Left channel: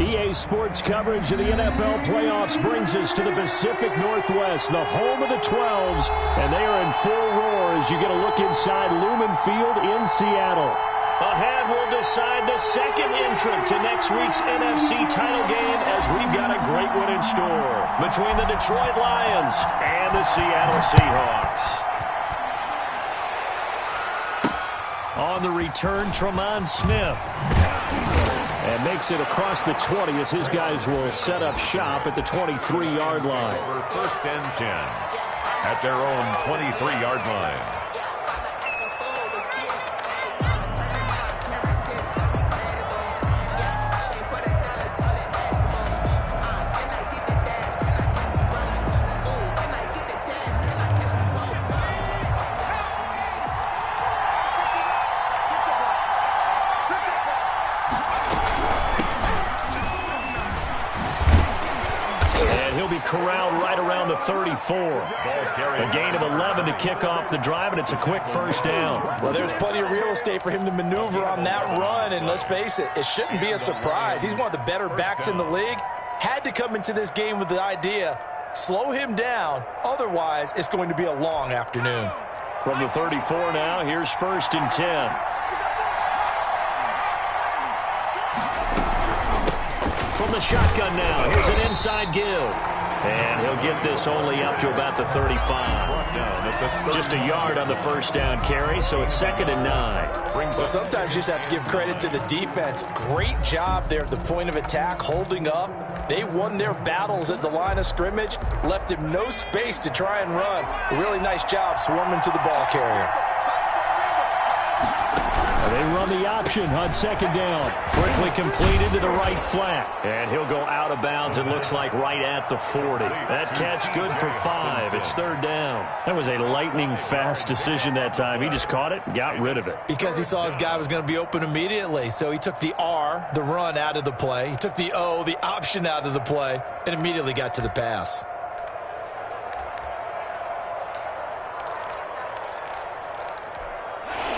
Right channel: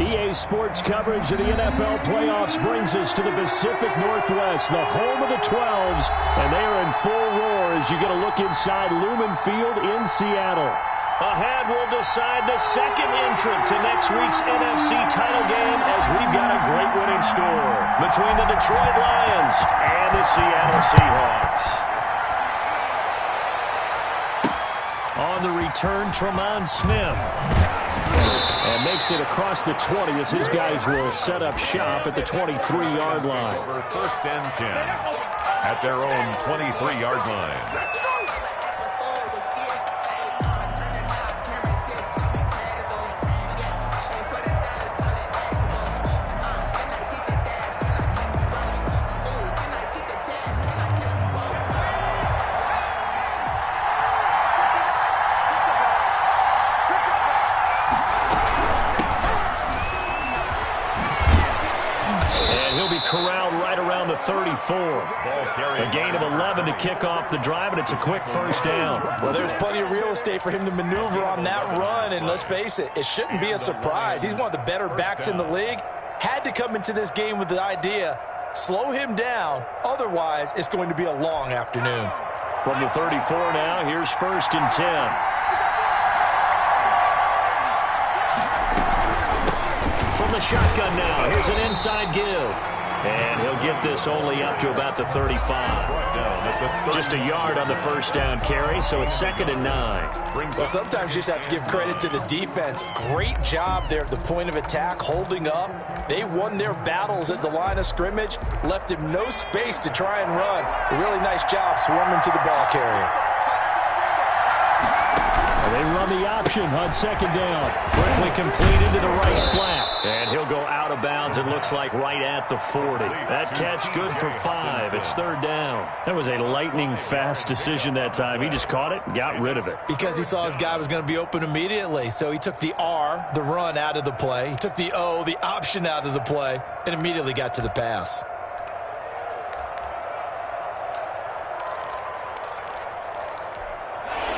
EA Sports coverage of the NFL playoffs brings us to the Pacific Northwest, the home of the 12s, and they are in full roar as you get a look inside Lumen Field in Seattle. Ahead, we'll decide the second entrant to next week's NFC title game as we've got a great one in store between the Detroit Lions and the Seattle Seahawks. On the return, Tremont Smith. And makes it across the 20 as his guys will set up shop at the 23-yard line. Over 1st and 10 at their own 23-yard line. Corralled right around the 34. A gain of 11 to kick off the drive, and it's a quick first down. Well, there's plenty of real estate for him to maneuver on that run, and let's face it, it shouldn't be a surprise. He's one of the better backs in the league. Had to come into this game with the idea, slow him down, otherwise it's going to be a long afternoon. From the 34 now, here's 1st and 10. From the shotgun now, here's an inside give. And he'll get this only up to about the 35. Just a yard on the first down carry, so it's 2nd and 9. Well, sometimes you just have to give credit to the defense. Great job there at the point of attack, holding up. They won their battles at the line of scrimmage, left him no space to try and run. A really nice job swarming to the ball carrier. They run the option on 2nd down. Quickly completed to the right flat. And he'll go out of bounds, it looks like right at the 40. That catch good for 5. It's 3rd down. That was a lightning-fast decision that time. He just caught it and got rid of it. Because he saw his guy was going to be open immediately. So he took the R, the run, out of the play. He took the O, the option, out of the play, and immediately got to the pass.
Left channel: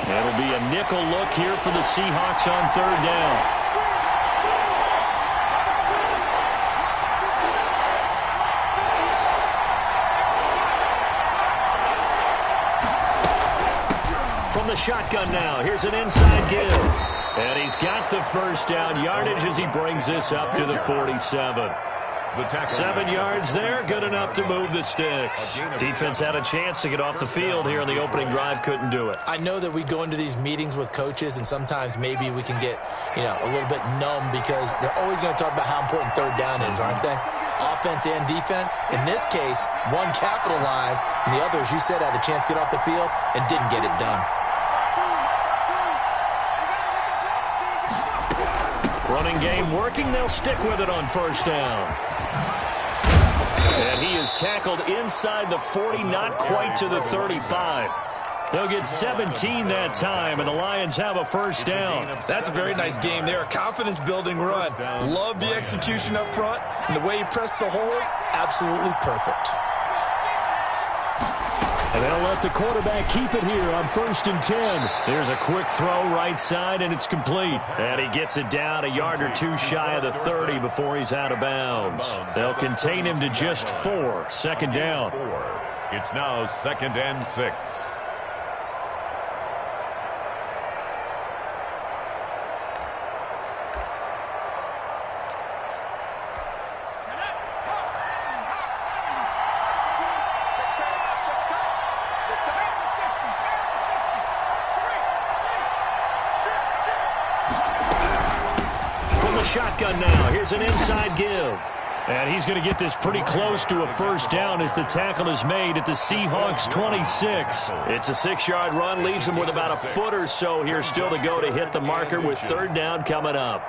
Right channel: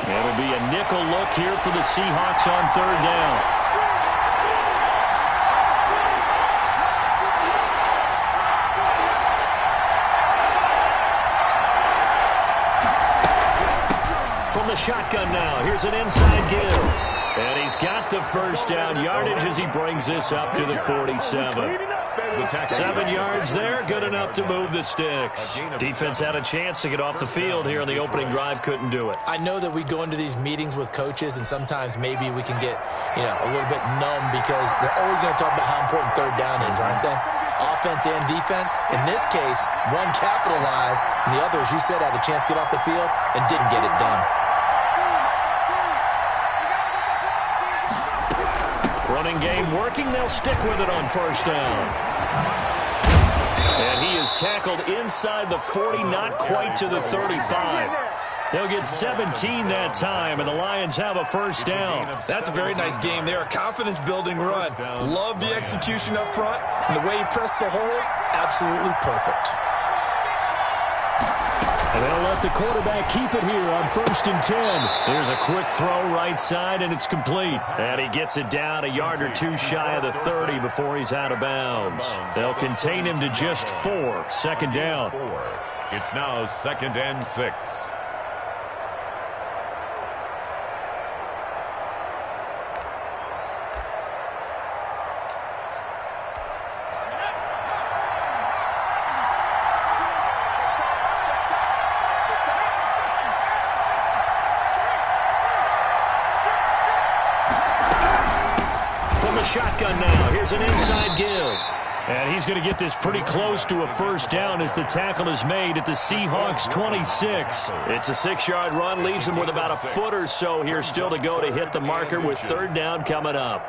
It'll be a nickel look here for the Seahawks on 3rd down. From the shotgun now, here's an inside give. And he's got the first down yardage as he brings this up to the 47. 7 yards there, good enough to move the sticks. Defense had a chance to get off the field here on the opening drive, couldn't do it. I know that we go into these meetings with coaches, and sometimes maybe we can get, a little bit numb because they're always going to talk about how important 3rd down is, aren't they? Offense and defense. In this case, one capitalized, and the other, as you said, had a chance to get off the field and didn't get it done. Running game working, they'll stick with it on 1st down. And he is tackled inside the 40, not quite to the 35. They'll get 17 that time, and the Lions have a first down. That's a very nice game there. A confidence-building run. Love the execution up front, and the way he pressed the hole, absolutely perfect. And they'll let the quarterback keep it here on 1st and 10. Here's a quick throw right side, and it's complete. And he gets it down a yard or 2 shy of the 30 before he's out of bounds. They'll contain him to just 4. 2nd down. It's now 2nd and 6. Shotgun now. Here's an inside give. And he's going to get this pretty close to a first down as the tackle is made at the Seahawks 26. It's a 6-yard run, leaves him with about a foot or so here still to go to hit the marker with 3rd down coming up.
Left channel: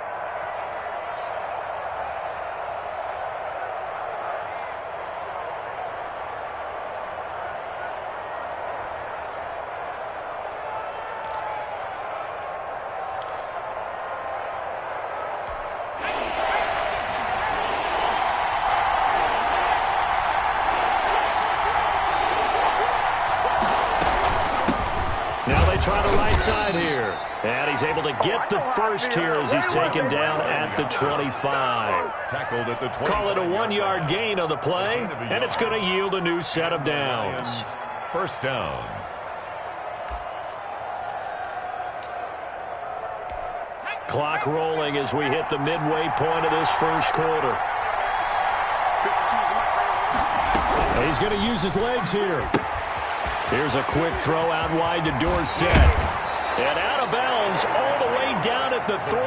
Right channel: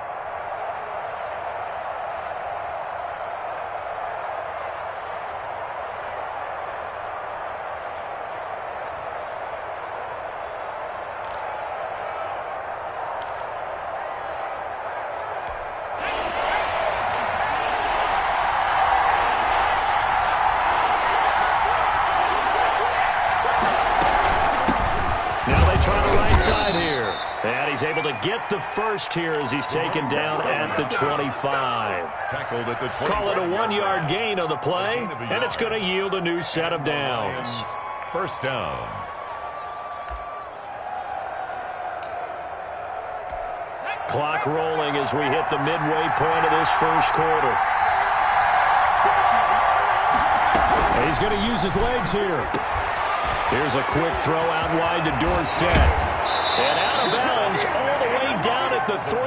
Now they try the right side here. And he's able to get the first here as he's taken down at the 25. Tackled at the 25. Call it a 1-yard gain on the play, and it's going to yield a new set of downs. First down. Clock rolling as we hit the midway point of this first quarter. He's going to use his legs here. Here's a quick throw out wide to Dorsett. And out of bounds all the way down at the 3.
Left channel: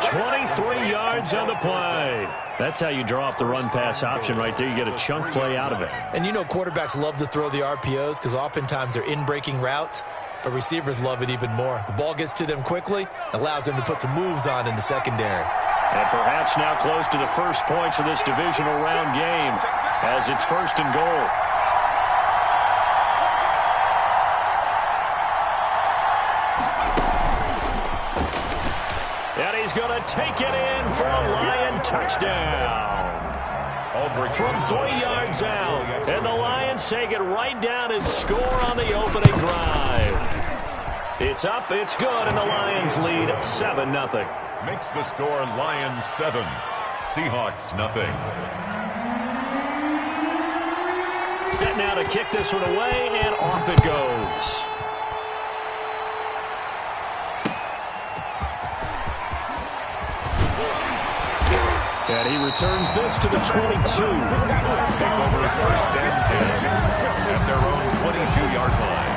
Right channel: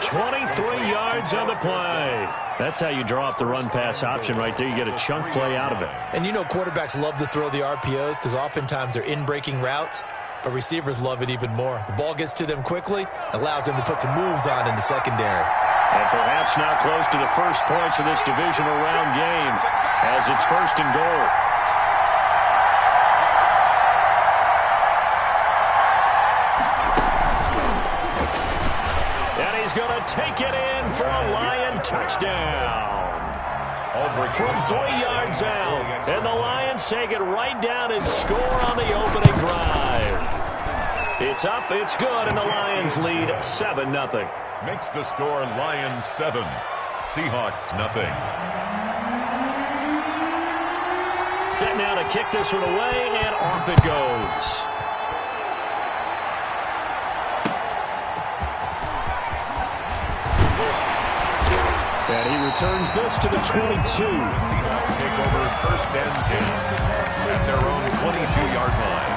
23 yards on the play. That's how you draw up the run-pass option right there. You get a chunk play out of it. And you know quarterbacks love to throw the RPOs because oftentimes they're in-breaking routes, but receivers love it even more. The ball gets to them quickly, allows them to put some moves on in the secondary. And perhaps now close to the first points of this divisional round game as it's 1st and goal. And he's going to take it in for a Lion touchdown. From 3 yards out. And the Lions take it right down and score on the opening drive. It's up, it's good, and the Lions lead 7-0. Makes the score Lions 7, Seahawks nothing. Set now to kick this one away, and off it goes. And he returns this to the 22. The Seahawks take over 1st and 10 at their own 22-yard line.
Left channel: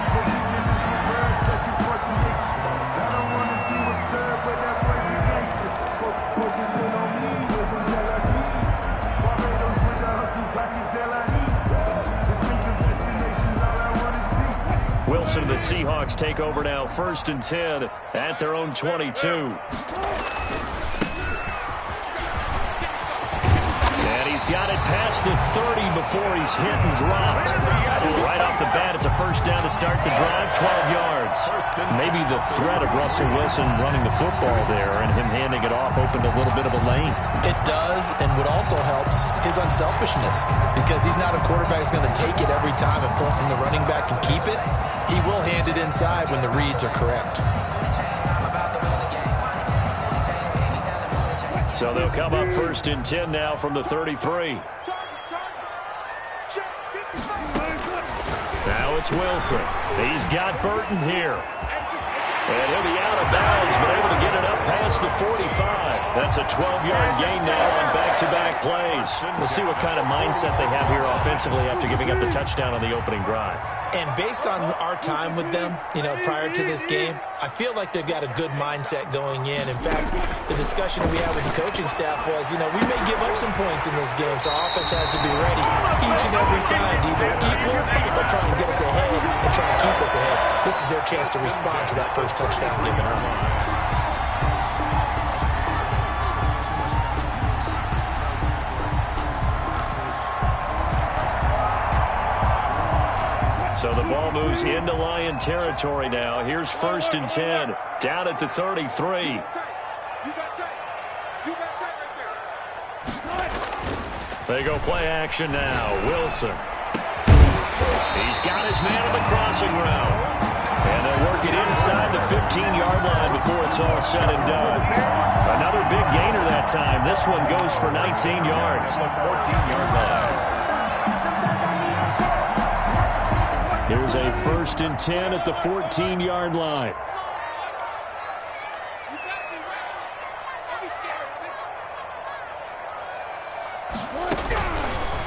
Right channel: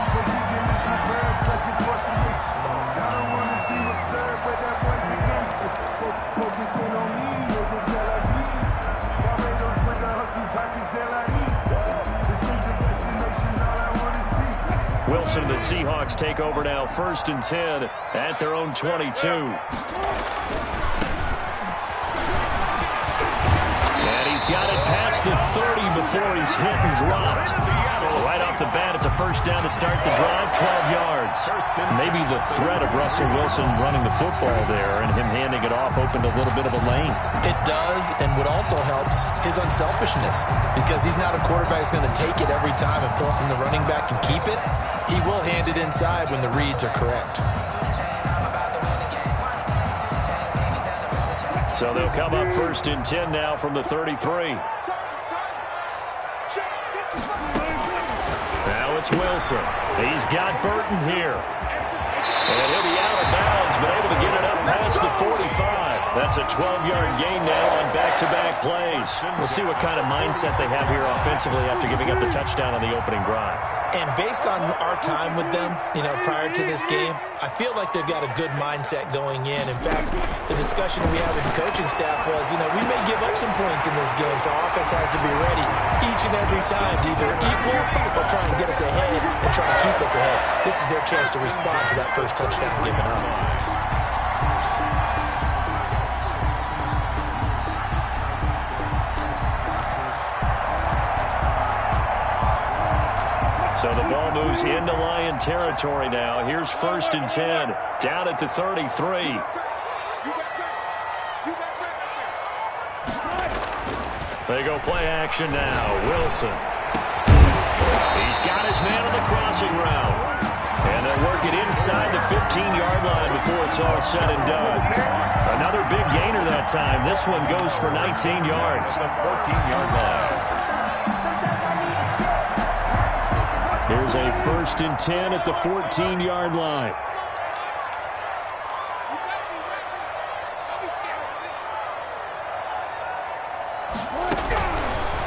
Wilson and the Seahawks take over now 1st and 10 at their own 22. And he's got it past the 30 before he's hit and dropped. Right off the bat, it's a first down to start the drive, 12 yards. Maybe the threat of Russell Wilson running the football there and him handing it off opened a little bit of a lane. It does, and what also helps, his unselfishness. Because he's not a quarterback who's going to take it every time and pull from the running back and keep it. He will hand it inside when the reads are correct. So they'll come up 1st and 10 now from the 33. Now it's Wilson. He's got Burton here. And he'll be out of bounds, but able to get it up past the 45. That's a 12-yard gain now on back-to-back plays. We'll see what kind of mindset they have here offensively after giving up the touchdown on the opening drive. And based on our time with them, prior to this game, I feel like they've got a good mindset going in. In fact, the discussion we had with the coaching staff was, we may give up some points in this game, so our offense has to be ready each and every time to either equal or try and get us ahead and try and keep us ahead. This is their chance to respond to that first touchdown given up. So the ball moves into Lion territory now. Here's 1st and 10, down at the 33. They go play action now. Wilson. He's got his man on the crossing route. And they'll work it inside the 15-yard line before it's all said and done. Another big gainer that time. This one goes for 19 yards. 14-yard line. Here's a 1st and 10 at the 14-yard line.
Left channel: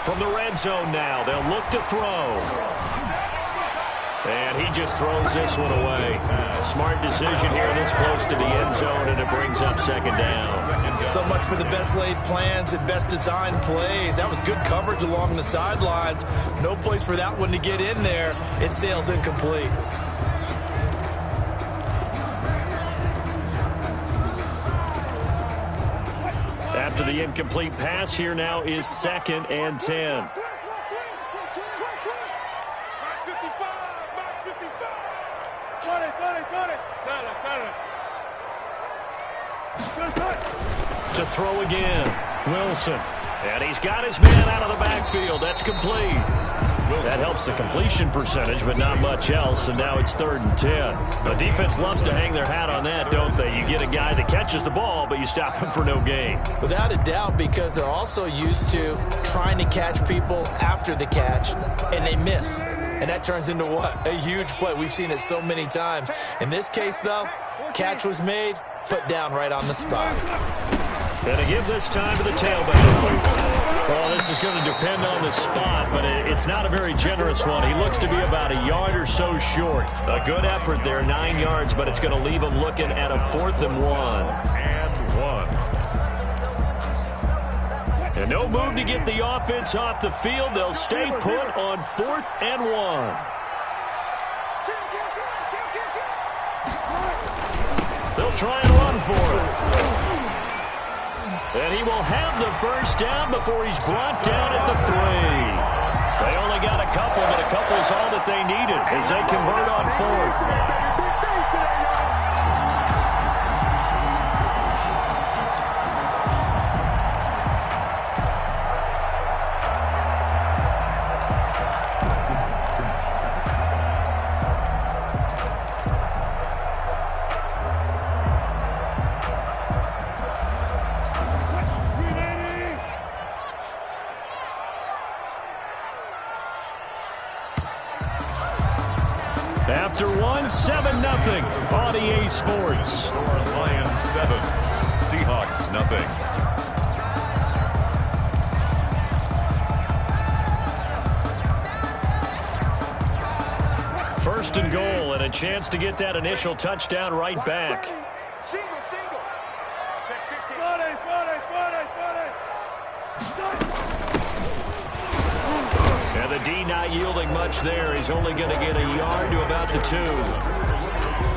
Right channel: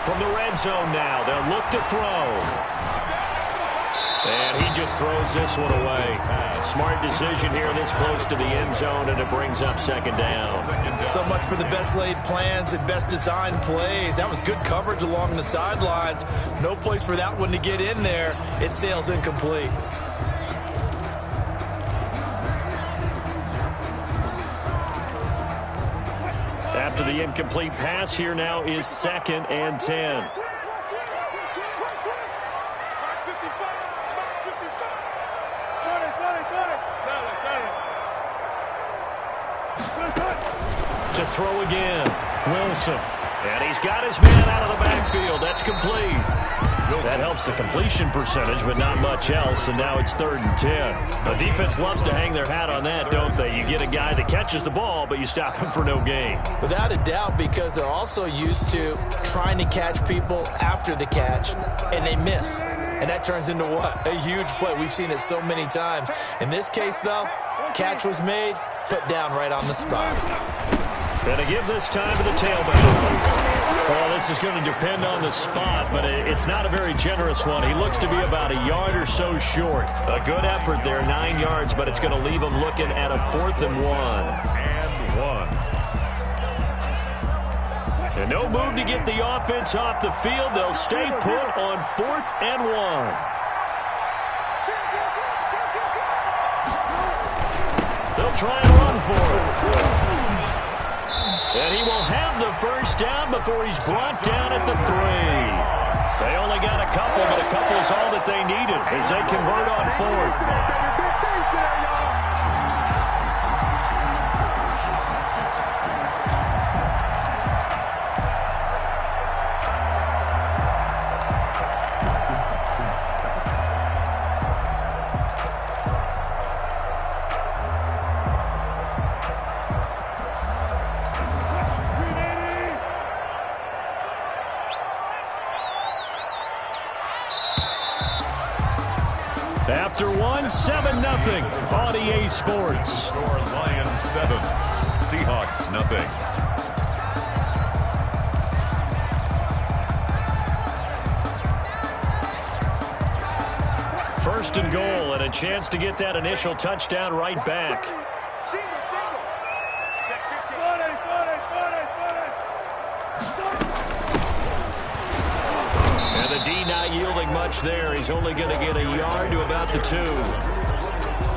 From the red zone now, they'll look to throw. And he just throws this one away. Smart decision here this close to the end zone, and it brings up 2nd down. So much for the best laid plans and best designed plays. That was good coverage along the sidelines. No place for that one to get in there. It sails incomplete. After the incomplete pass, here now is 2nd and 10. To throw again, Wilson. And he's got his man out of the backfield. That's complete. That helps the completion percentage, but not much else, and now it's 3rd and 10. The defense loves to hang their hat on that, don't they? You get a guy that catches the ball, but you stop him for no gain. Without a doubt, because they're also used to trying to catch people after the catch, and they miss. And that turns into what? A huge play. We've seen it so many times. In this case, though, catch was made, put down right on the spot. Going to give this time to the tailback. Well, this is going to depend on the spot, but it's not a very generous one. He looks to be about a yard or so short. A good effort there, 9 yards, but it's going to leave him looking at a 4th and 1. And no move to get the offense off the field. They'll stay put on 4th and 1. They'll try and run for it. And he will have the first down before he's brought down at the 3. They only got a couple, but a couple's all that they needed as they convert on 4th. After 7-0 on EA Sports. Score Lions 7, Seahawks nothing. First and goal, and a chance to get that initial touchdown right back. Single. Check 15. And the D not yielding much there. He's only going to get a yard to about the 2.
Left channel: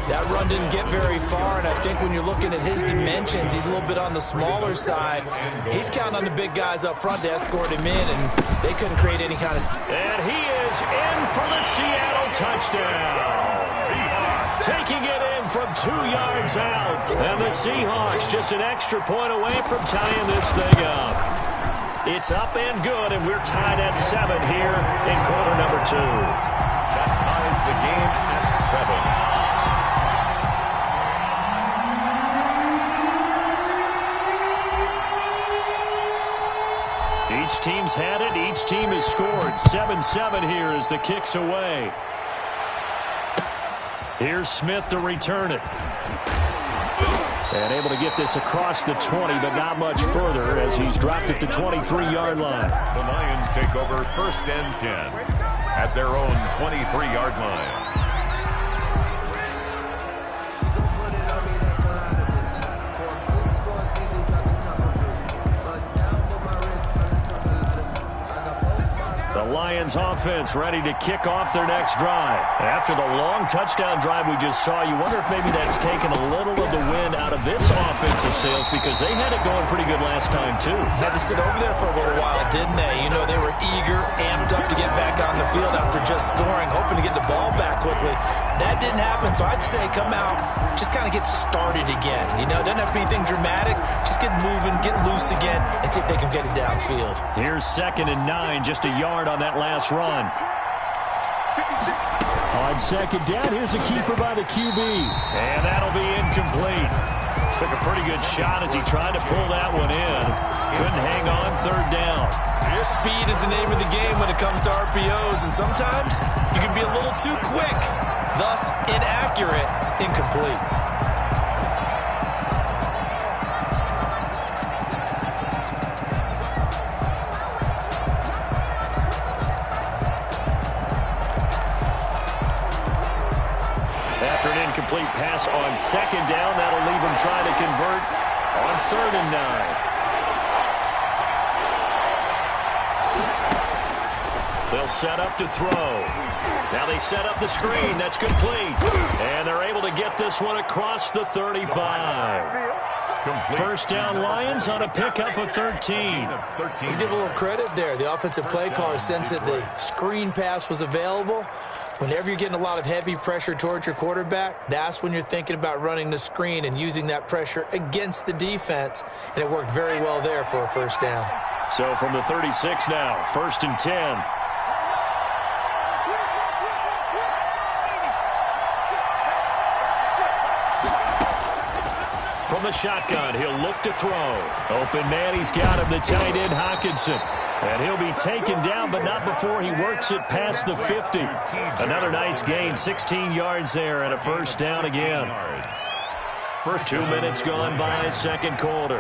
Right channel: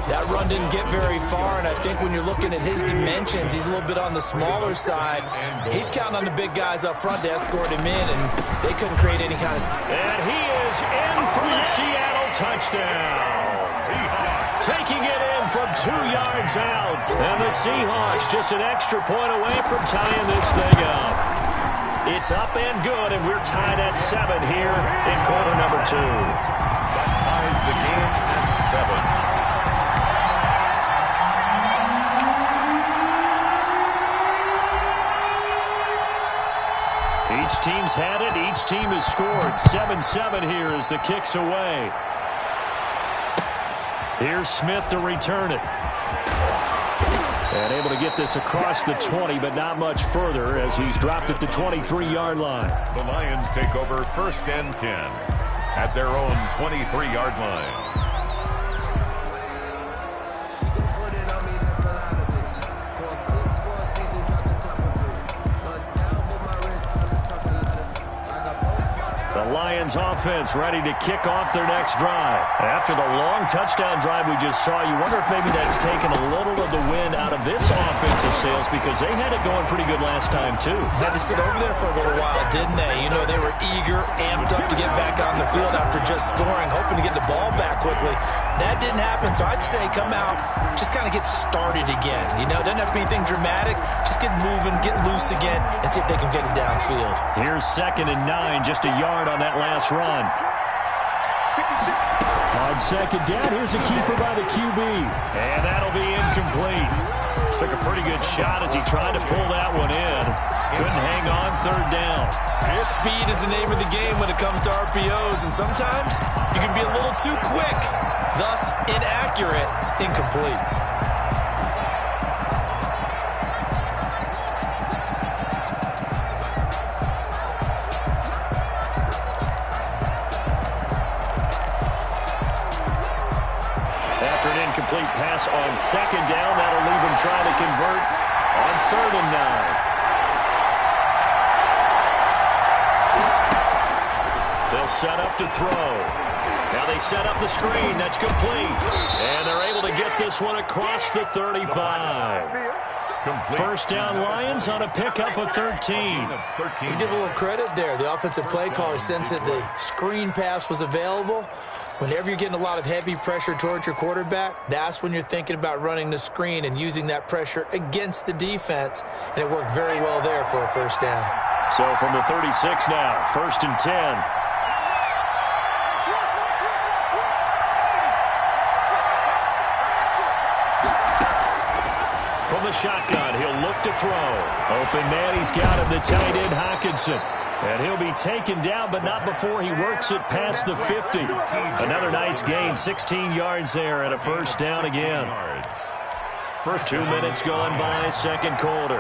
That run didn't get very far, and I think when you're looking at his dimensions, he's a little bit on the smaller side. He's counting on the big guys up front to escort him in, and they couldn't create any kind of... And he is in for the Seattle touchdown. Taking it in from 2 yards out. And the Seahawks just an extra point away from tying this thing up. It's up and good, and we're tied at 7 here in quarter number 2. That ties the game at 7. Each team's had it. Each team has scored. 7-7 here as the kick's away. Here's Smith to return it. And able to get this across the 20, but not much further as he's dropped at the 23-yard line. The Lions take over 1st and 10 at their own 23-yard line. The Lions offense ready to kick off their next drive. After the long touchdown drive we just saw, you wonder if maybe that's taken a little of the wind out of this offensive sails because they had it going pretty good last time too. Had to sit over there for a little while, didn't they? You know, they were eager, amped up to get back on the field after just scoring, hoping to get the ball back quickly. That didn't happen, so I'd say come out, just kind of get started again. You know, it doesn't have to be anything dramatic. Just get moving, get loose again, and see if they can get it downfield. Here's 2nd and 9, just a yard on that last run. On 2nd down, here's a keeper by the QB. And that'll be incomplete. Took a pretty good shot as he tried to pull that one in. Couldn't hang on 3rd down. Speed is the name of the game when it comes to RPOs, and sometimes you can be a little too quick, thus inaccurate, incomplete. After an incomplete pass on 2nd down, that'll leave him trying to convert on 3rd and 9. They'll set up to throw. Now they set up the screen. That's complete. And they're able to get this one across the 35. First down Lions on a pickup of 13. Let's give a little credit there. The offensive play caller sensed that the screen pass was available. Whenever you're getting a lot of heavy pressure towards your quarterback, that's when you're thinking about running the screen and using that pressure against the defense. And it worked very well there for a first down. So from the 36 now, 1st and 10. the shotgun. He'll look to throw. Open man, he's got him, the tight end, Hockenson. And he'll be taken down, but not before he works it past the 50. Another nice gain, 16 yards there, and a first down again. 2 minutes gone by, second quarter.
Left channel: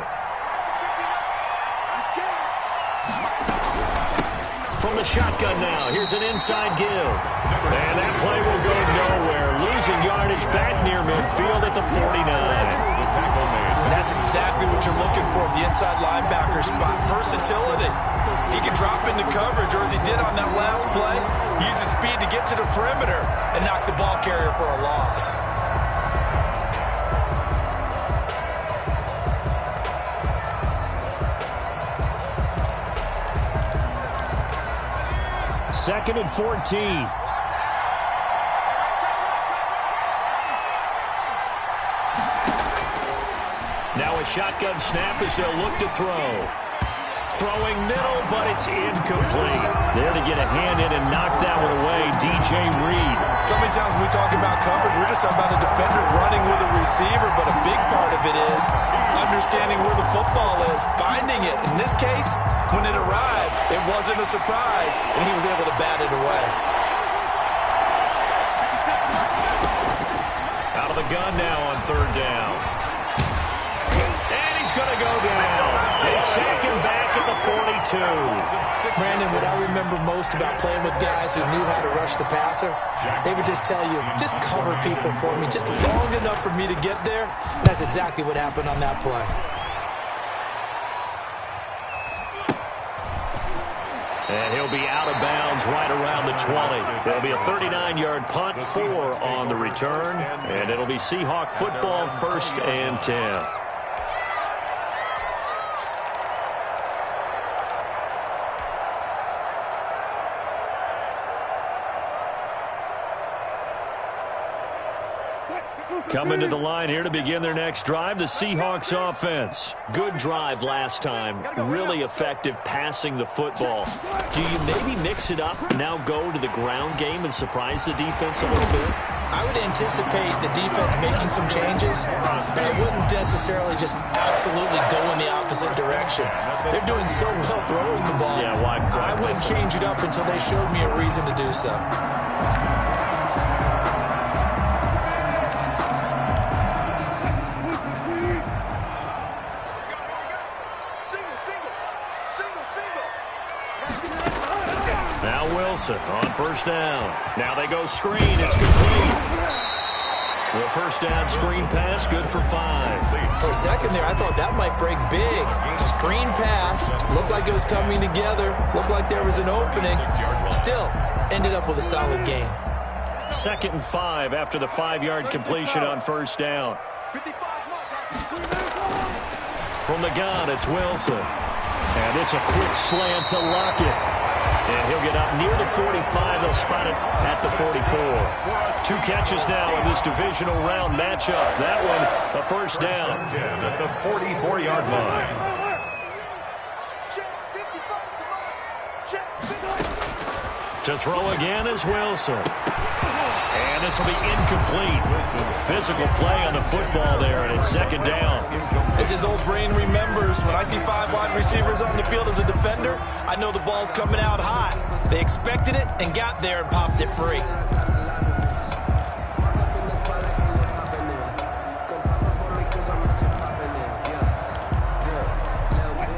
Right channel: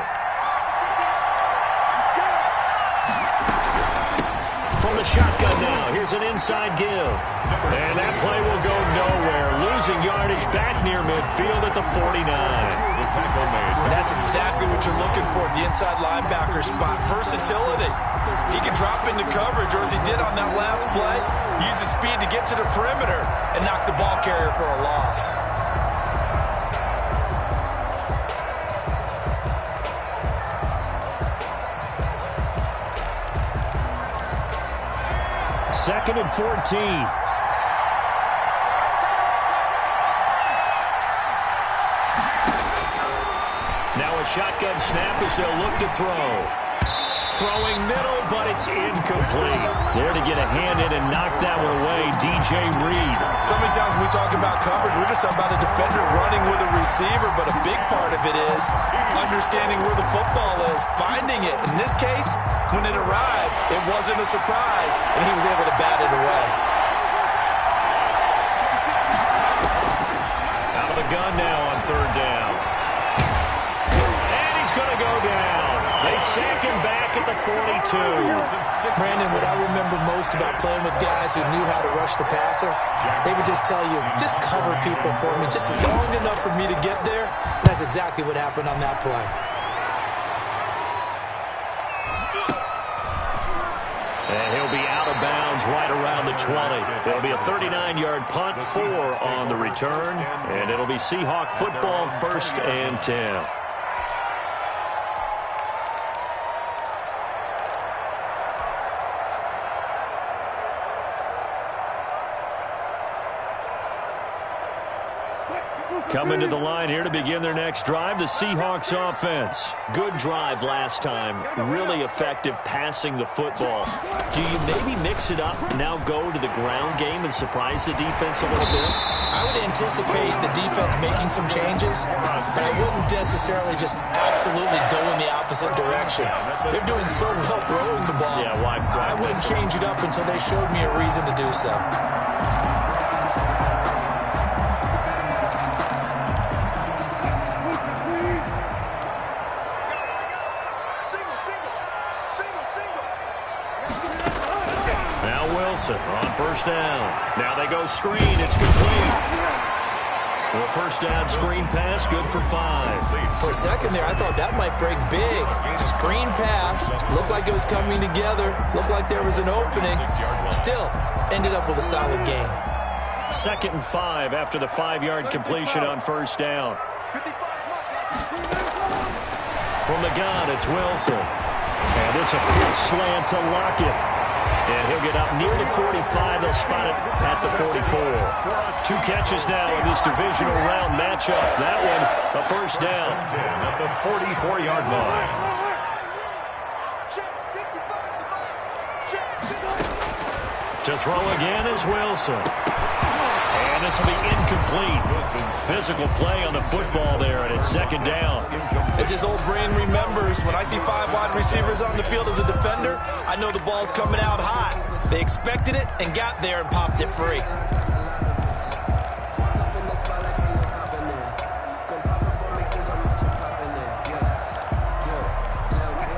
From the shotgun now, here's an inside give. And that play will go nowhere. Losing yardage back near midfield at the 49. And that's exactly what you're looking for at the inside linebacker spot. Versatility. He can drop into coverage, or as he did on that last play, use his speed to get to the perimeter and knock the ball carrier for a loss. Second and 14. Now a shotgun snap as they'll look to throw. Throwing middle, but it's incomplete. There to get a hand in and knock that one away, DJ Reed. So many times when we talk about coverage, we're just talking about a defender running with a receiver, but a big part of it is understanding where the football is, finding it. In this case, when it arrived, it wasn't a surprise, and he was able to bat it away. Out of the gun now on third down. And he's going to go down. They sack him back at the 42. Brandon, what I remember most about playing with guys who knew how to rush the passer, they would just tell you, just cover people for me, just long enough for me to get there. That's exactly what happened on that play. And he'll be out of bounds right around the 20. It'll be a 39-yard punt, 4 on the return, and it'll be Seahawk football, 1st and 10. Coming to the line here to begin their next drive, the Seahawks offense. Good drive last time. Really effective passing the football. Do you maybe mix it up, now go to the ground game and surprise the defense a little bit? I would anticipate the defense making some changes, but I wouldn't necessarily just absolutely go in the opposite direction. They're doing so well throwing the ball. Yeah, why I wouldn't change it up until they showed me a reason to do so. On first down. Now they go screen. It's complete. Well, first down screen pass, good for 5. For a second there, I thought that might break big. Screen pass. Looked like it was coming together. Looked like there was an opening. Still, ended up with a solid gain. 2nd and 5 after the 5-yard completion on first down. From the gun, it's Wilson. And it's a quick slant to Lockett. And he'll get up near the 45. They'll spot it at the 44. 2 catches now in this divisional round matchup. That one, a first down. At the 44-yard line. To throw again is Wilson. And this will be incomplete. Physical play on the football there, and it's 2nd down. As his old brain remembers, when I see 5 wide receivers on the field as a defender, I know the ball's coming out high. They expected it and got there and popped it free.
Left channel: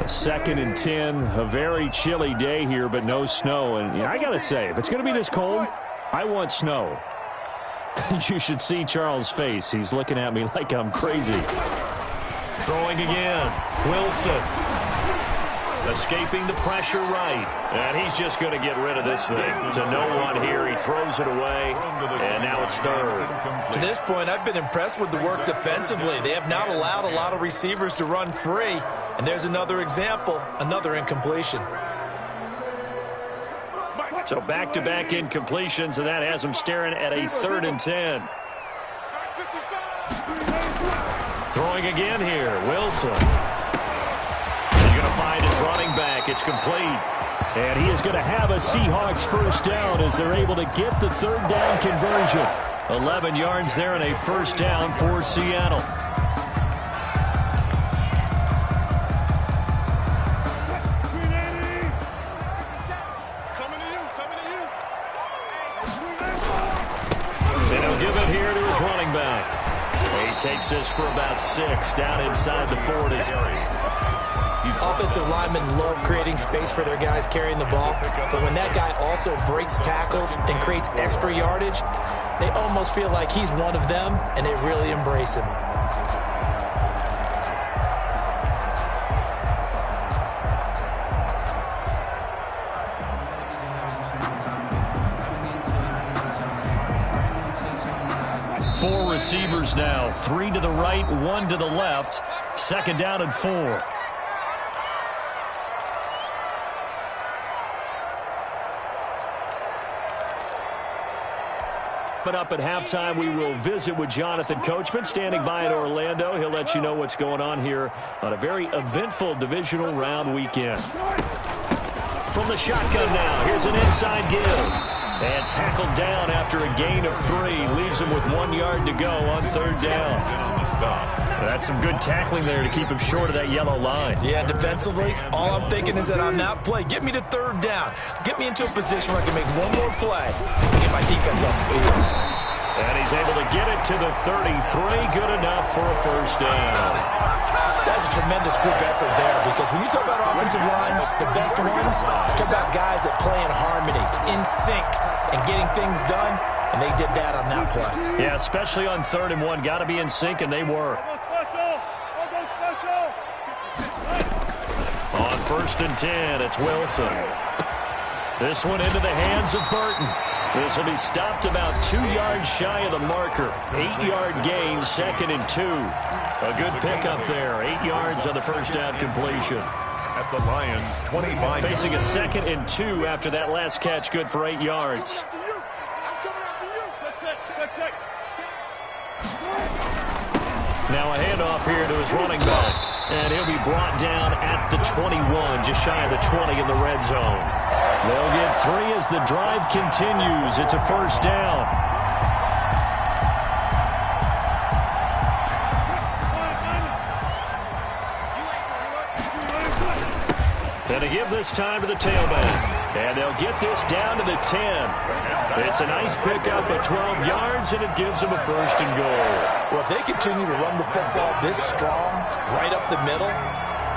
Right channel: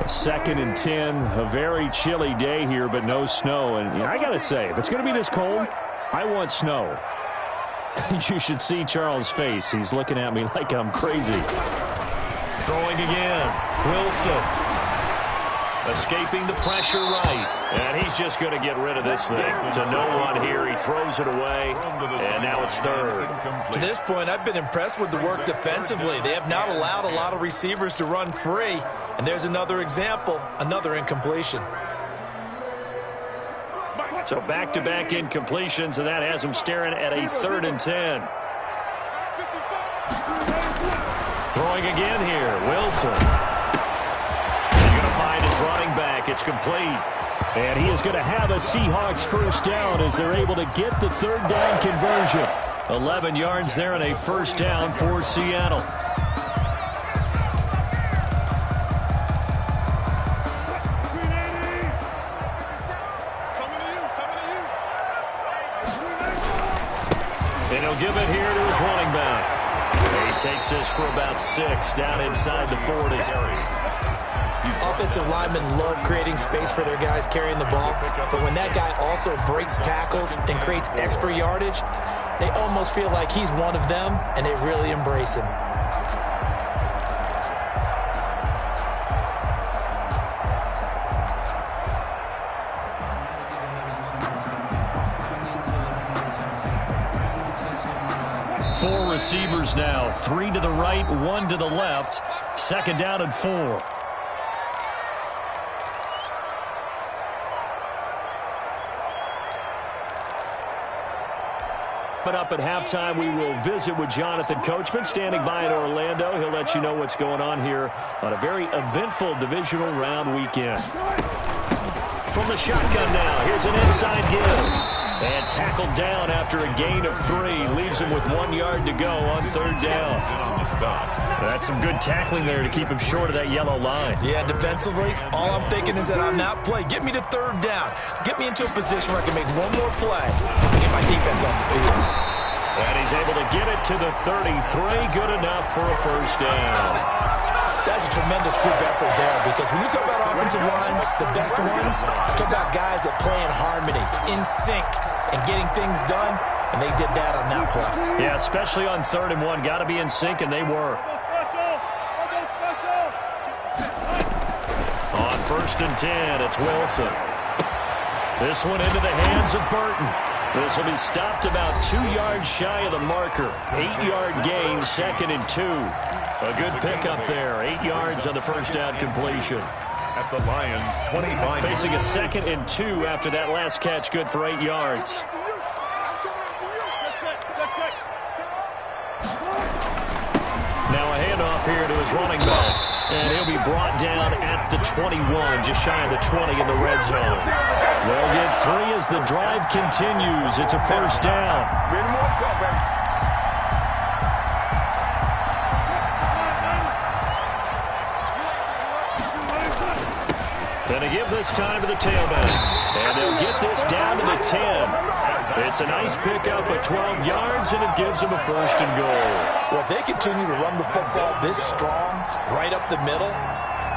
Second and 10, a very chilly day here, but no snow. And I got to say, if it's going to be this cold, I want snow. You should see Charles' face. He's looking at me like I'm crazy. Throwing again. Wilson. Escaping the pressure right. And he's just going to get rid of this thing. To no one here. He throws it away. And now it's 3rd. To this point, I've been impressed with the work defensively. They have not allowed a lot of receivers to run free. And there's another example, another incompletion. So back-to-back incompletions, and that has him staring at a 3rd and 10. Throwing again here, Wilson. He's going to find his running back. It's complete. And he is going to have a Seahawks first down as they're able to get the 3rd down conversion. 11 yards there and a first down for Seattle. And he'll give it here to his running back. He takes this for about 6 down inside the 40. Offensive linemen love creating space for their guys carrying the ball, but when that guy also breaks tackles and creates extra yardage, they almost feel like he's one of them, and they really embrace him. Four receivers now, 3 to the right, 1 to the left. 2nd down and 4. But up at halftime, we will visit with Jonathan Coachman standing by in Orlando. He'll let you know what's going on here on a very eventful divisional round weekend. From the shotgun now, here's an inside give. And tackled down after a gain of 3. Leaves him with 1 yard to go on 3rd down. That's some good tackling there to keep him short of that yellow line. Yeah, defensively, all I'm thinking is that on that play, get me to 3rd down. Get me into a position where I can make one more play and get my defense off the field. And he's able to get it to the 33. Good enough for a 1st down. That's a tremendous group effort there, because when you talk about offensive lines, the best ones, talk about guys that play in harmony, in sync, and getting things done, and they did that on that play. Yeah, especially on 3rd and 1. Got to be in sync, and they were. On 1st and 10, it's Wilson. This one into the hands of Burton. This will be stopped about 2 yards shy of the marker. 8-yard gain, 2nd and 2. A good pickup there. 8 yards on the 1st down completion. At the Lions' 25. Facing a 2nd and 2 after that last catch, good for 8 yards. Now a handoff here to his running back. And he'll be brought down at the 21, just shy of the 20 in the red zone. They'll get 3 as the drive continues. It's a 1st down. And they give this time to the tailback. And they'll get this down to the 10. It's a nice pickup of 12 yards, and it gives them a 1st and goal. Well, if they continue to run the football this strong, right up the middle,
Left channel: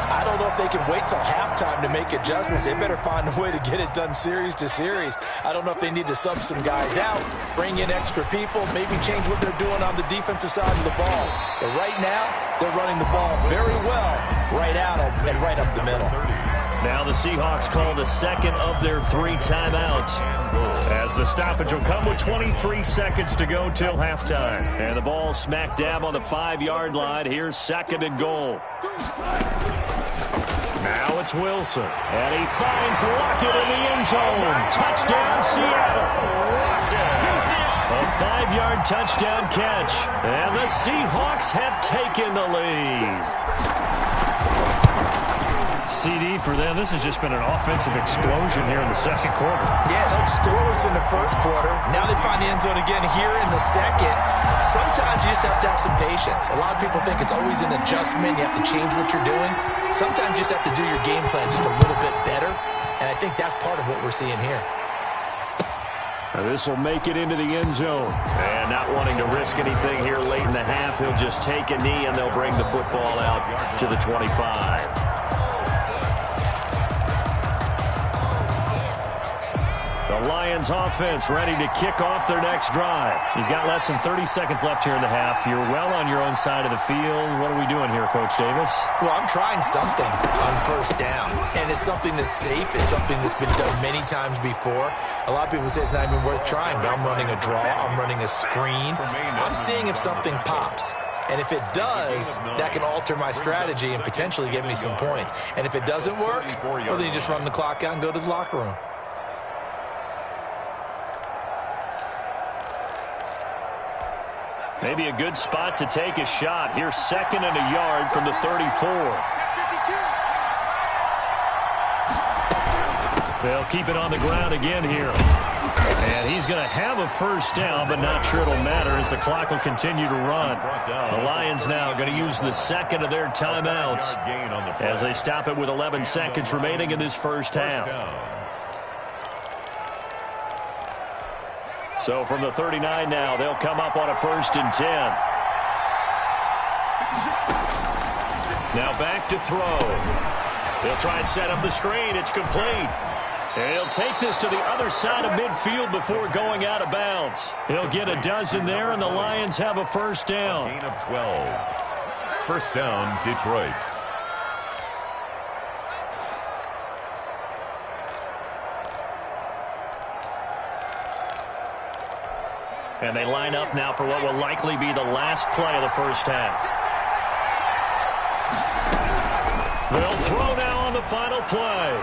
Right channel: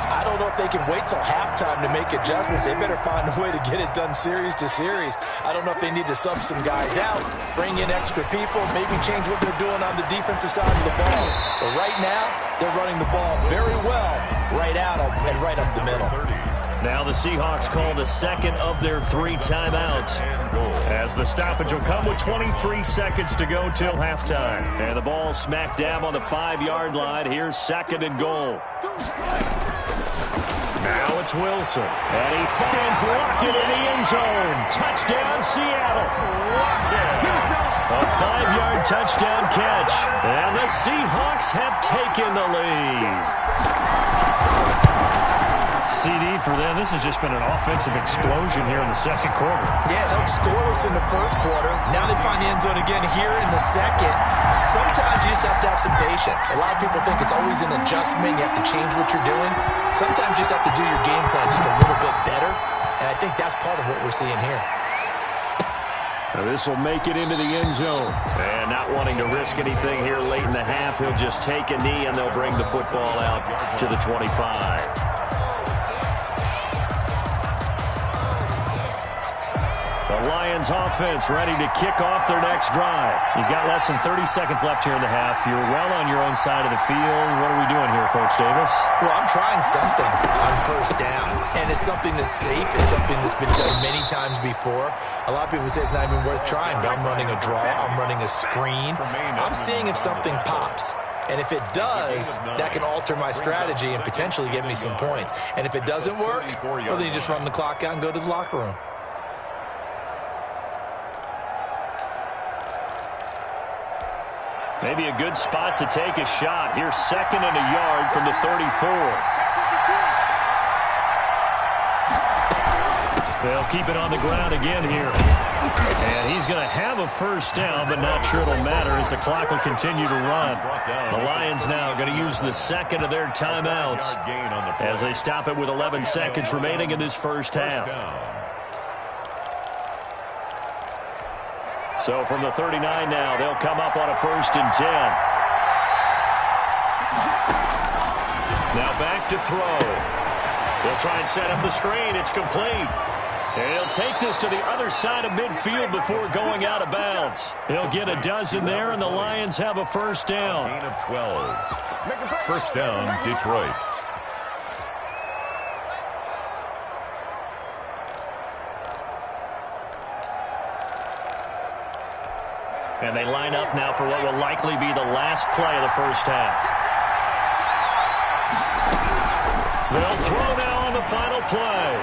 I don't know if they can wait till halftime to make adjustments. They better find a way to get it done series to series. I don't know if they need to sub some guys out, bring in extra people, maybe change what they're doing on the defensive side of the ball. But right now, they're running the ball very well right out and right up the middle. Now the Seahawks call the 2nd of their 3 timeouts, as the stoppage will come with 23 seconds to go till halftime. And the ball smack dab on the 5-yard line. Here's 2nd and goal. Now it's Wilson, and he finds Lockett in the end zone. Touchdown, Seattle. A 5-yard touchdown catch, and the Seahawks have taken the lead. CD for them. This has just been an offensive explosion here in the 2nd quarter. Yeah, held scoreless in the 1st quarter. Now they find the end zone again here in the 2nd. Sometimes you just have to have some patience. A lot of people think it's always an adjustment. You have to change what you're doing. Sometimes you just have to do your game plan just a little bit better. And I think that's part of what we're seeing here. This will make it into the end zone. And not wanting to risk anything here late in the half, he'll just take a knee, and they'll bring the football out to the 25. The Lions offense ready to kick off their next drive. You've got less than 30 seconds left here in the half. You're well on your own side of the field. What are we doing here, Coach Davis? Well, I'm trying something on 1st down. And it's something that's safe. It's something that's been done many times before. A lot of people say it's not even worth trying, but I'm running a draw. I'm running a screen. I'm seeing if something pops. And if it does, that can alter my strategy and potentially get me some points. And if it doesn't work, well, then you just run the clock out and go to the locker room. Maybe a good spot to take a shot. Here's 2nd and a yard from the 34. They'll keep it on the ground again here. And he's going to have a 1st down, but not sure it'll matter as the clock will continue to run. The Lions now going to use the 2nd of their timeouts as they stop it with 11 seconds remaining in this 1st half. So from the 39 now, they'll come up on a 1st and 10. Now back to throw. They'll try and set up the screen. It's complete. And he'll take this to the other side of midfield before going out of bounds. He'll get a dozen there, and the Lions have a 1st down. Gain of 12. 1st down, Detroit. And they line up now for what will likely be the last play of the 1st half. They'll throw now on the final play.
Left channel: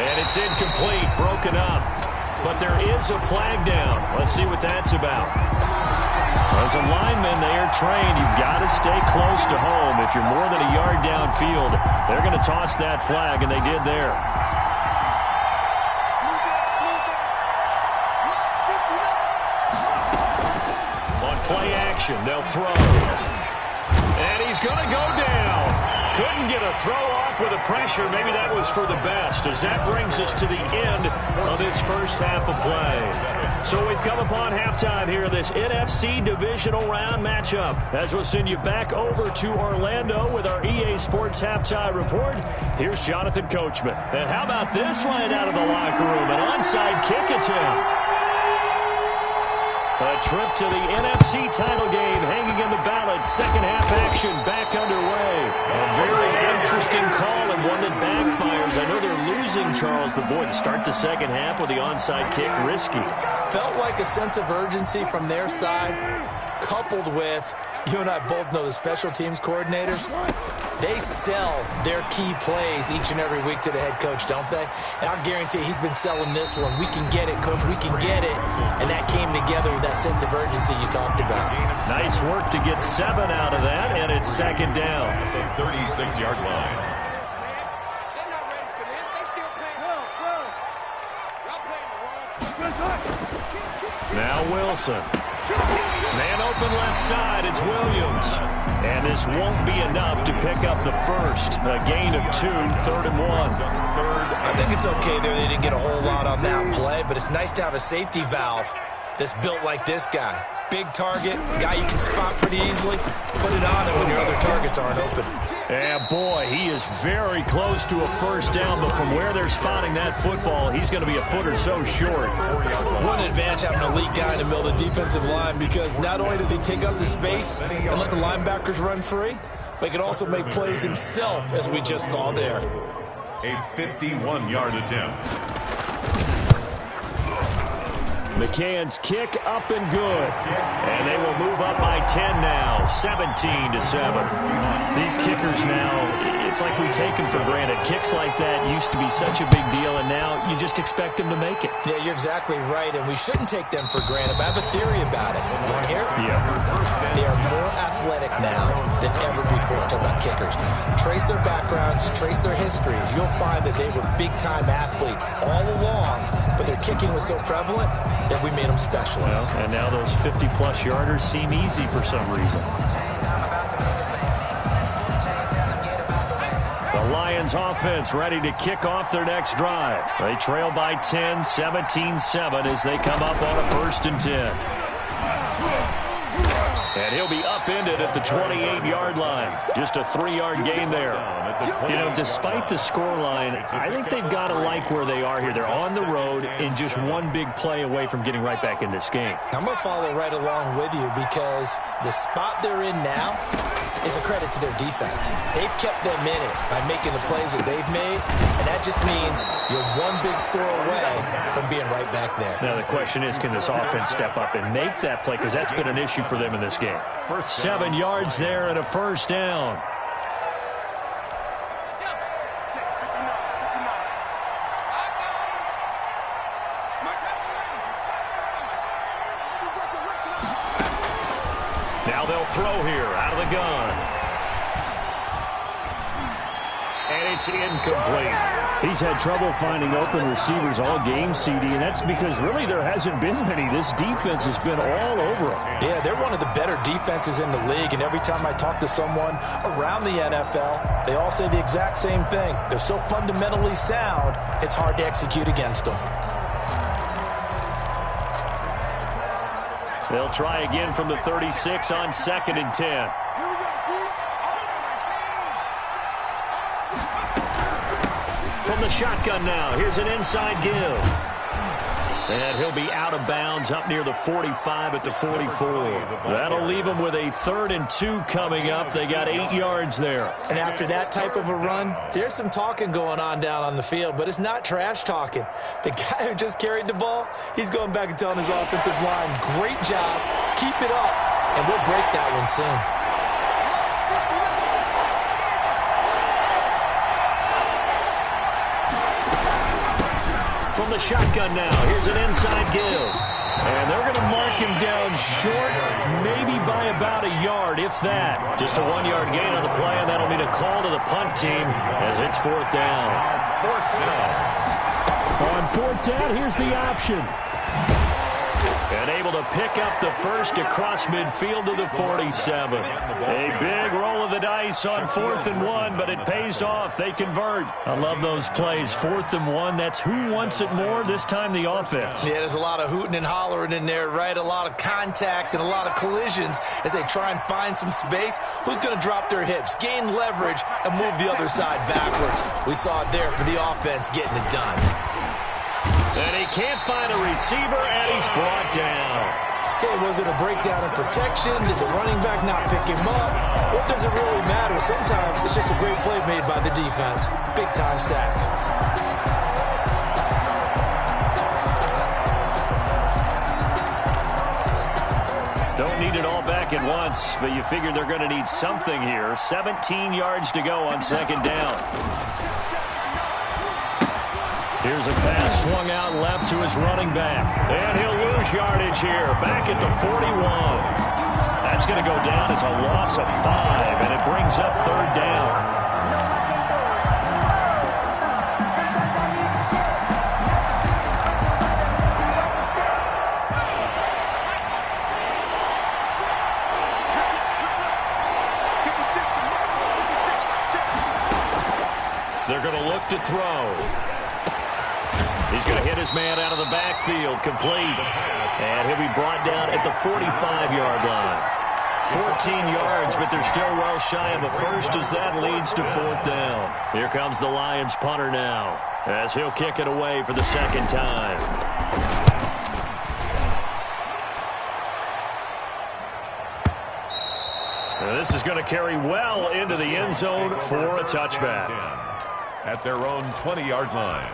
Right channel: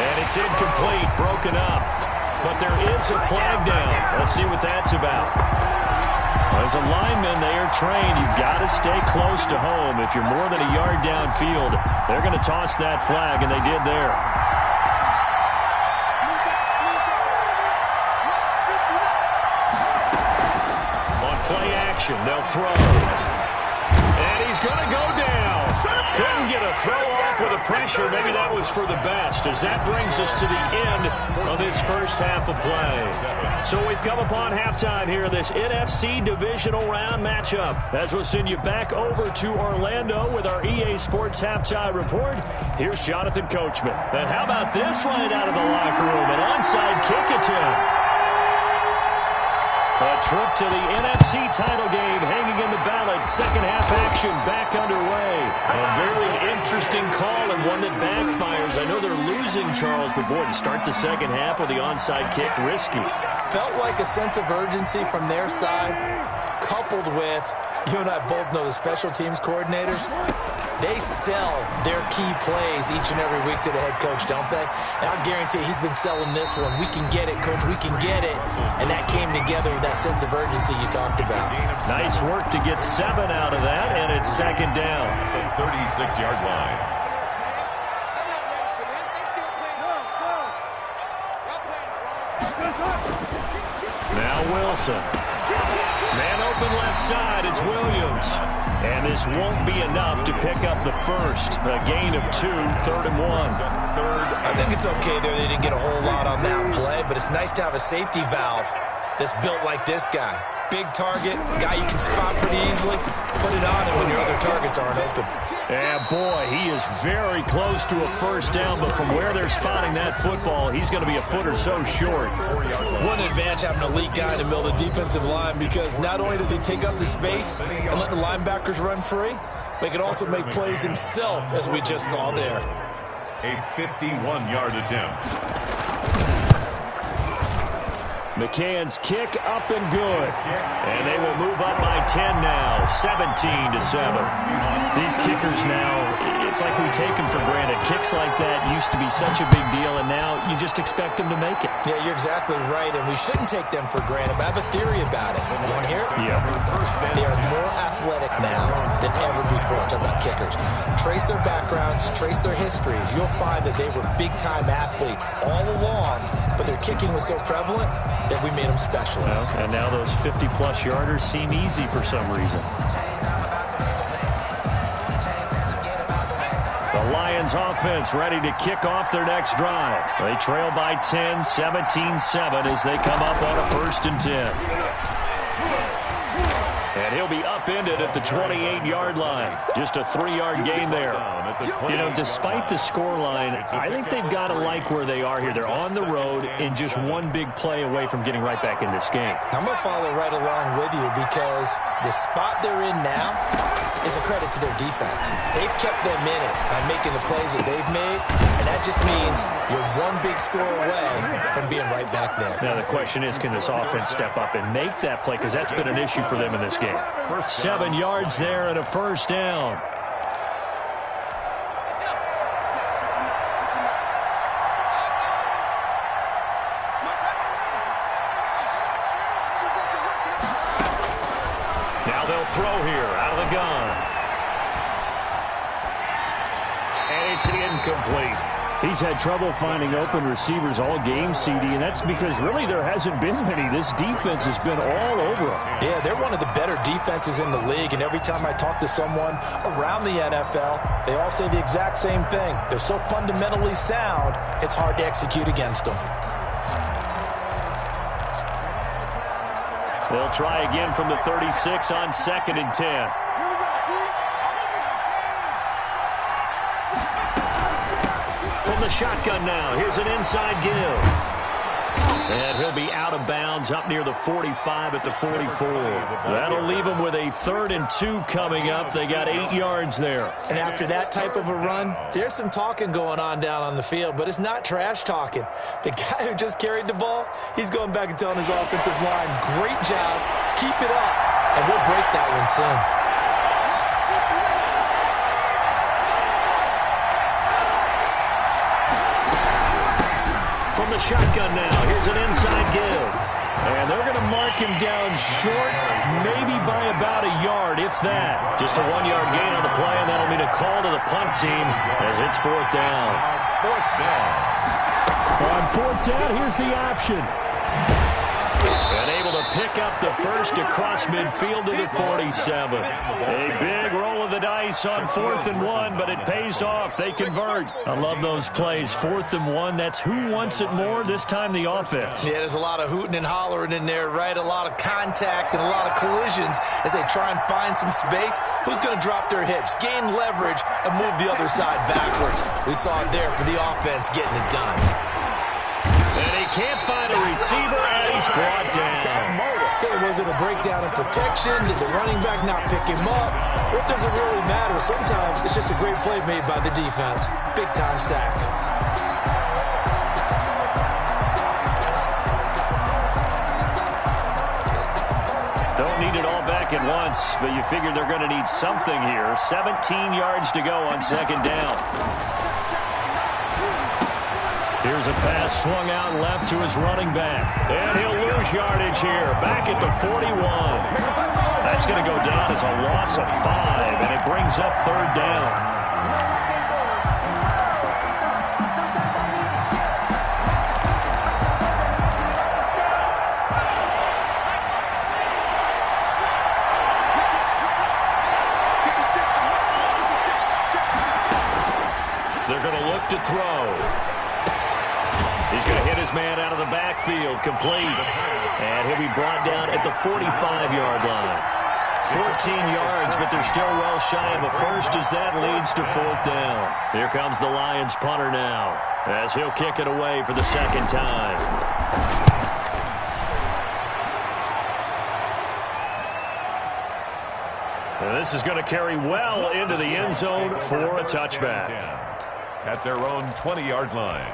And it's incomplete, broken up. But there is a flag down. Let's see what that's about. As a lineman, they are trained. You've got to stay close to home. If you're more than a yard downfield, they're going to toss that flag, and they did there. On play action, they'll throw. And he's going to go down. Couldn't get a throw off with the pressure. Maybe that was for the best, as that brings us to the end of this 1st half of play. So we've come upon halftime here in this NFC divisional round matchup. As we'll send you back over to Orlando with our EA Sports halftime report, here's Jonathan Coachman. And how about this right out of the locker room? An onside kick attempt. A trip to the NFC title game hanging in the balance. 2nd half action back underway. A very interesting call and one that backfires. I know they're losing, Charles, but boy, to start the 2nd half with the onside kick, risky. Felt like a sense of urgency from their side, coupled with, you and I both know the special teams coordinators, they sell their key plays each and every week to the head coach, don't they? And I guarantee he's been selling this one. We can get it, coach, we can get it. And that came together with that sense of urgency you talked about. Nice work to get 7 out of that, and it's 2nd down. At the 36-yard line. They're not ready for this. They still playing. Y'all playing the wrong. Now Wilson. Man open left side, it's Williams. And this won't be enough to pick up the 1st. A gain of 2, 3rd and 1. I think it's okay there. They didn't get a whole lot on that play, but it's nice to have a safety valve that's built like this guy. Big target, guy you can spot pretty easily. Put it on him when your other targets aren't open. Yeah, boy, he is very close to a 1st down, but from where they're spotting that football, he's going to be a foot or so short. One advantage having an elite guy in the middle of the defensive line, because not only does he take up the space and let the linebackers run free, but he can also make plays himself, as we just saw there. A 51-yard attempt. McCann's kick up and good. And they will move up by 10 now, 17-7. These kickers now, it's like we take them for granted. Kicks like that used to be such a big deal, and now you just expect them to make it. Yeah, you're exactly right, and we shouldn't take them for granted, but I have a theory about it. You want to hear it? Yeah. They are more athletic now than ever before. Talk about kickers. Trace their backgrounds, trace their histories. You'll find that they were big-time athletes all along, but their kicking was so prevalent that we made them specialists. Well, and now those 50-plus yarders seem easy for some reason. The Lions offense ready to kick off their next drive. They trail by 10, 17-7 as they come up on a 1st and 10. And he'll be upended at the 28-yard line. Just a 3-yard gain there. You know, despite the scoreline, I think they've got to like where they are here. They're on the road and just one big play away from getting right back in this game. I'm going to follow right along with you, because the spot they're in now is a credit to their defense. They've kept them in it by making the plays that they've made, and that just means you're one big score away from being right back there. Now the question is, can this offense step up and make that play, because that's been an issue for them in this game. 7 yards there and a 1st down. Now they'll throw here out of the gun. And it's incomplete. He's had trouble finding open receivers all game, CD, and that's because really there hasn't been many. This defense has been all over them. Yeah, they're one of the better defenses in the league, and every time I talk to someone around the NFL, they all say the exact same thing. They're so fundamentally sound, it's hard to execute against them. They'll try again from the 36 on 2nd and 10. From the shotgun now, here's an inside give. And he'll be out of bounds up near the 45 at the 44. That'll leave them with a 3rd and 2 coming up. They got 8 yards there. And after that type of a run, there's some talking going on down on the field, but it's not trash talking. The guy who just carried the ball, he's going back and telling his offensive line, great job, keep it up, and we'll break that one soon. From the shotgun now, here's an inside give. And they're going to mark him down short, maybe by about a yard, if that. Just a 1-yard gain on the play, and that'll mean a call to the punt team as it's 4th down. 4th down. On 4th down, here's the option. And able to pick up the first across midfield to the 47. A big roll of the dice on 4th and 1, but it pays off. They convert. I love those plays. 4th and 1, that's who wants it more, this time the offense. Yeah, there's a lot of hooting and hollering in there, right? A lot of contact and a lot of collisions as they try and find some space. Who's going to drop their hips, gain leverage, and move the other side backwards? We saw it there for the offense getting it done. And he can't find a receiver, and he's brought down. Okay, was it a breakdown in protection? Did the running back not pick him up? What does it really matter? Sometimes it's just a great play made by the defense. Big-time sack. Don't need it all back at once, but you figure they're going to need something here. 17 yards to go on 2nd down. Here's a pass swung out left to his running back. And he'll lose yardage here, back at the 41. That's going to go down as a loss of 5, and it brings up 3rd down. They're going to look to throw. He's going to hit his man out of the backfield, complete. And he'll be brought down at the 45-yard line. 14 yards, but they're still well shy of a first as that leads to 4th down. Here comes the Lions punter now as he'll kick it away for the 2nd time. And this is going to carry well into the end zone for a touchback. At their own 20-yard line.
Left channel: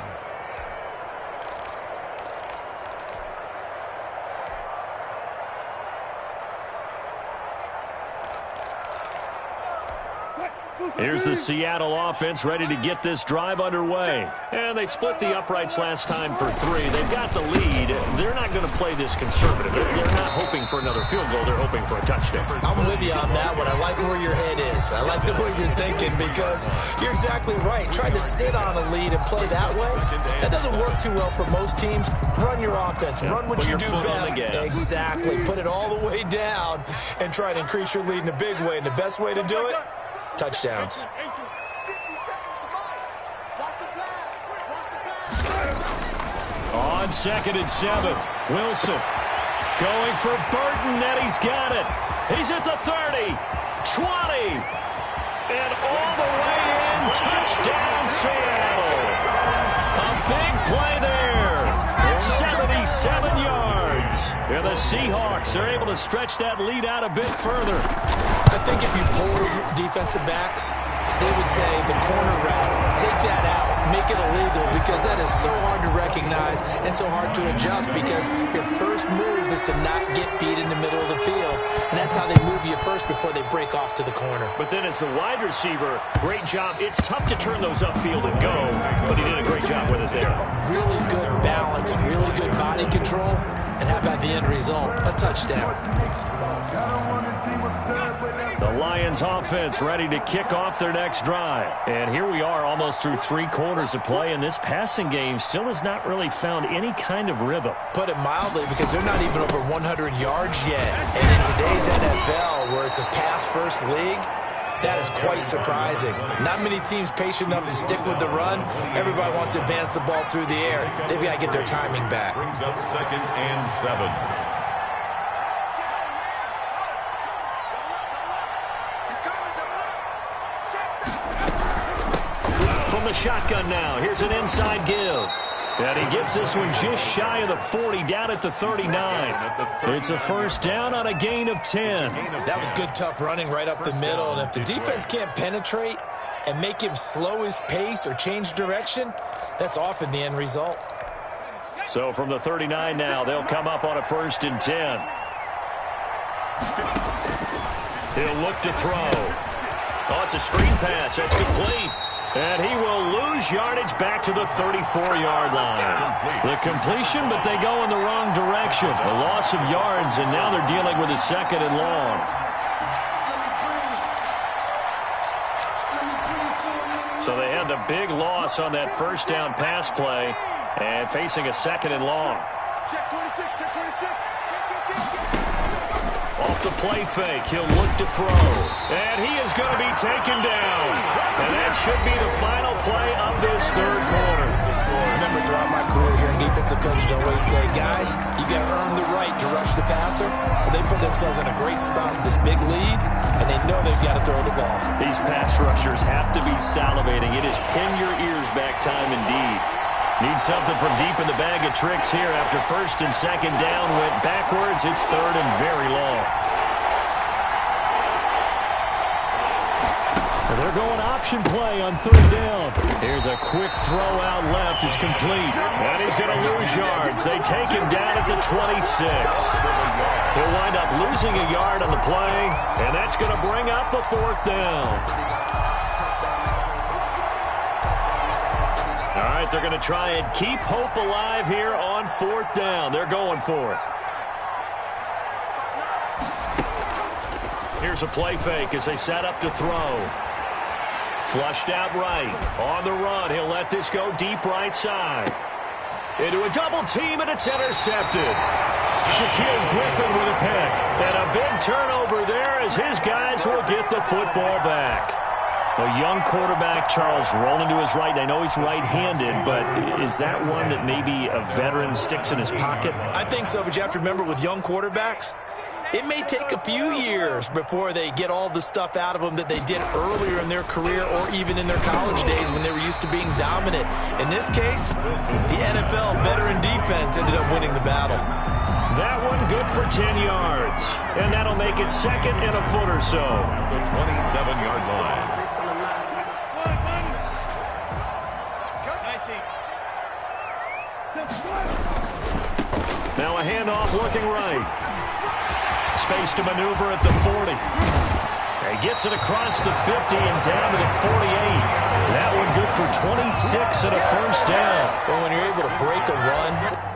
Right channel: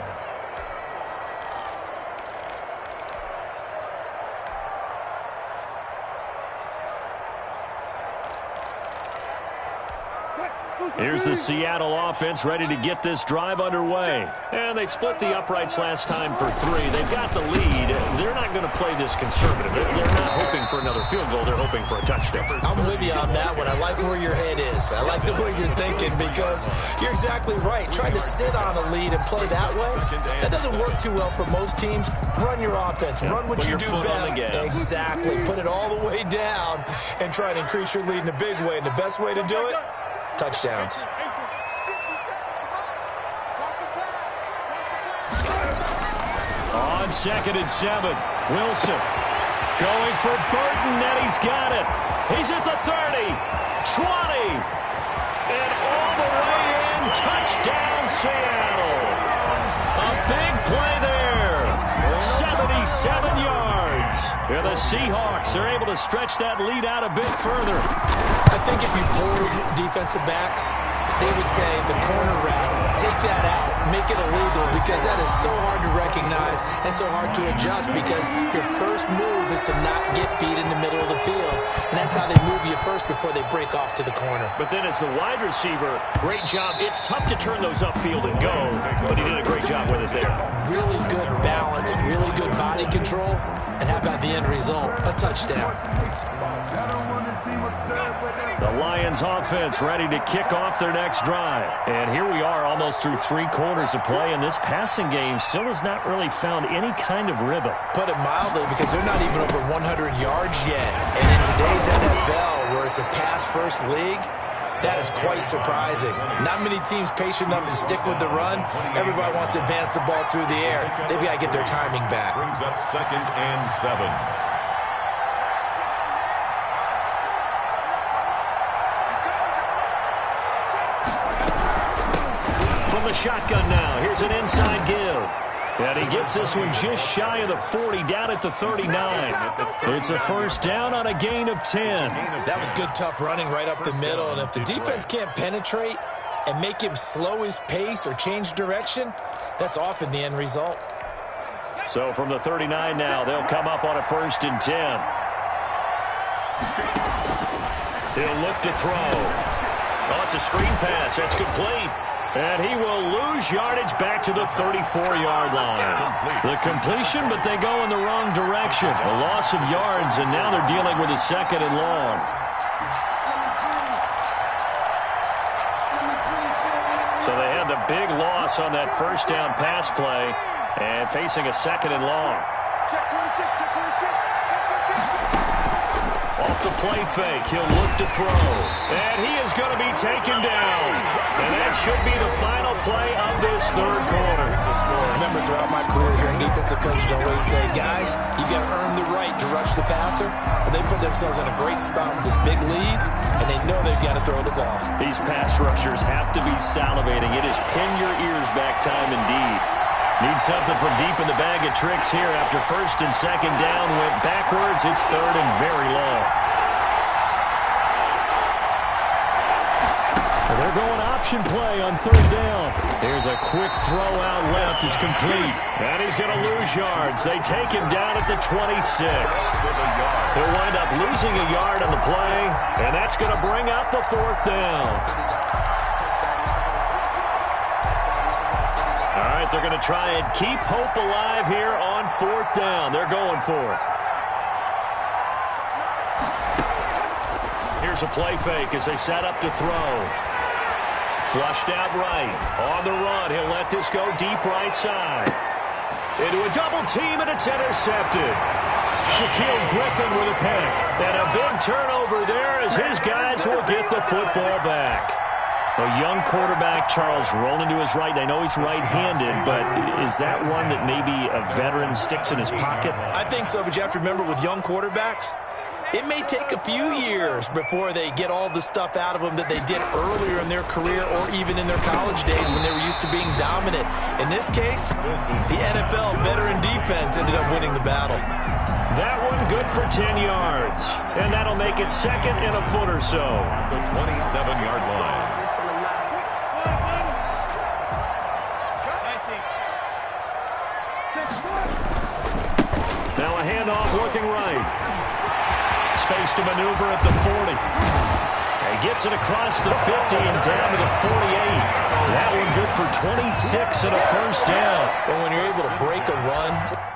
Here's the Seattle offense ready to get this drive underway. And they split the uprights last time for 3. They've got the lead. They're not going to play this conservative. They're not hoping for another field goal. They're hoping for a touchdown. I'm with you on that one. I like where your head is. I like the way you're thinking because you're exactly right. Trying to sit on a lead and play that way, that doesn't work too well for most teams. Run your offense. Run what you do best. Exactly. Put it all the way down and try to increase your lead in a big way. And the best way to do it, touchdowns. On 2nd and 7, Wilson going for Burton, and he's got it. He's at the 30, 20, and all the way in. Touchdown, Seattle. A big play there. 77 yards. And the Seahawks are able to stretch that lead out a bit further. I think if you polled defensive backs, they would say the corner route, take that out, make it illegal, because that is so hard to recognize and so hard to adjust because your first move is to not get beat in the middle of the field. And that's how they move you first before they break off to the corner. But then as the wide receiver, great job. It's tough to turn those upfield and go, but he did a great job with it there. Really good balance, really good body control. And how about the end result? A touchdown. The Lions offense ready to kick off their next drive. And here we are almost through 3 quarters of play, and this passing game still has not really found any kind of rhythm. Put it mildly, because they're not even over 100 yards yet. And in today's NFL, where it's a pass-first league, that is quite surprising. Not many teams patient enough to stick with the run. Everybody wants to advance the ball through the air. They've got to get their timing back. Brings up 2nd and 7. From the shotgun now, here's an inside give. And he gets this one just shy of the 40, down at the 39. It's a first down on a gain of 10. That was good, tough running right up the middle. And if the defense can't penetrate and make him slow his pace or change direction, that's often the end result. So from the 39 now, they'll come up on a 1st and 10. He'll look to throw. Oh, it's a screen pass. That's complete. And he will lose yardage back to the 34-yard line. The completion, but they go in the wrong direction. A loss of yards, and now they're dealing with a 2nd and long. So they had the big loss on that first down pass play and facing a 2nd and long. Check 26, check 26. Off the play fake, he'll look to throw. And he is going to be taken down. And that should be the final play of this 3rd quarter. Remember, throughout my career here, defensive coaches always say, guys, you got to earn the right to rush the passer. Well, they put themselves in a great spot with this big lead, and they know they've got to throw the ball. These pass rushers have to be salivating. It is pin your ears back time indeed. Need something from deep in the bag of tricks here after 1st and 2nd down. Went backwards. It's 3rd and very long. And they're going option play on 3rd down. Here's a quick throw out left. It's complete. And he's going to lose yards. They take him down at the 26. He'll wind up losing a yard on the play. And that's going to bring up the 4th down. All right, they're going to try and keep hope alive here on 4th down. They're going for it. Here's a play fake as they set up to throw. Flushed out right. On the run, he'll let this go deep right side. Into a double team, and it's intercepted. Shaquille Griffin with a pick. And a big turnover there as his guys will get the football back. A young quarterback, Charles, rolling to his right. I know he's right-handed, but is that one that maybe a veteran sticks in his pocket? I think so, but you have to remember with young quarterbacks, it may take a few years before they get all the stuff out of them that they did earlier in their career or even in their college days when they were used to being dominant. In this case, the NFL veteran defense ended up winning the battle. That one good for 10 yards. And that'll make it 2nd and a foot or so. The 27-yard line. Now a handoff looking right. Space to maneuver at the 40. He gets it across the 50 and down to the 48. That one good for 26 and a 1st down. Well, when you're able to break a run